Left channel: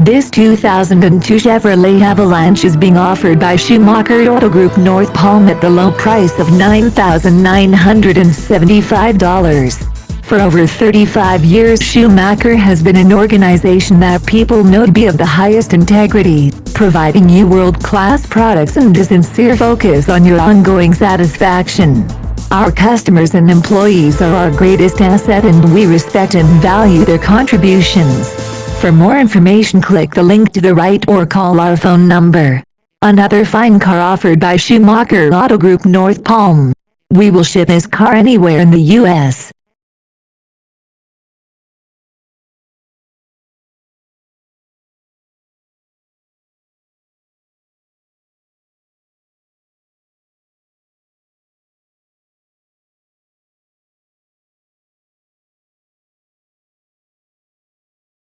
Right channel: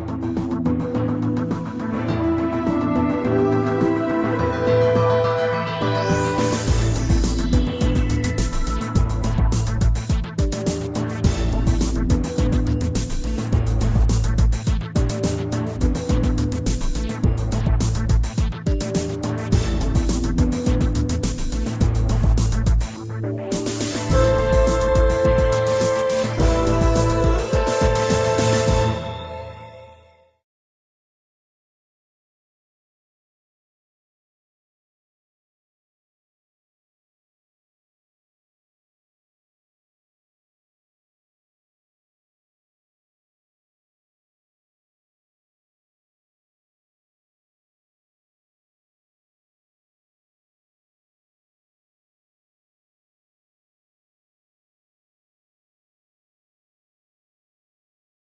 This 2002 Chevrolet Avalanche is being offered by Schumacher Auto Group North Palm at the low price of $9,975. For over 35 years, Schumacher has been an organization that people know to be of the highest integrity, providing you world-class products and a sincere focus on your ongoing satisfaction. Our customers and employees are our greatest asset, and we respect and value their contributions. For more information, click the link to the right or call our phone number. Another fine car offered by Schumacher Auto Group North Palm. We will ship this car anywhere in the U.S.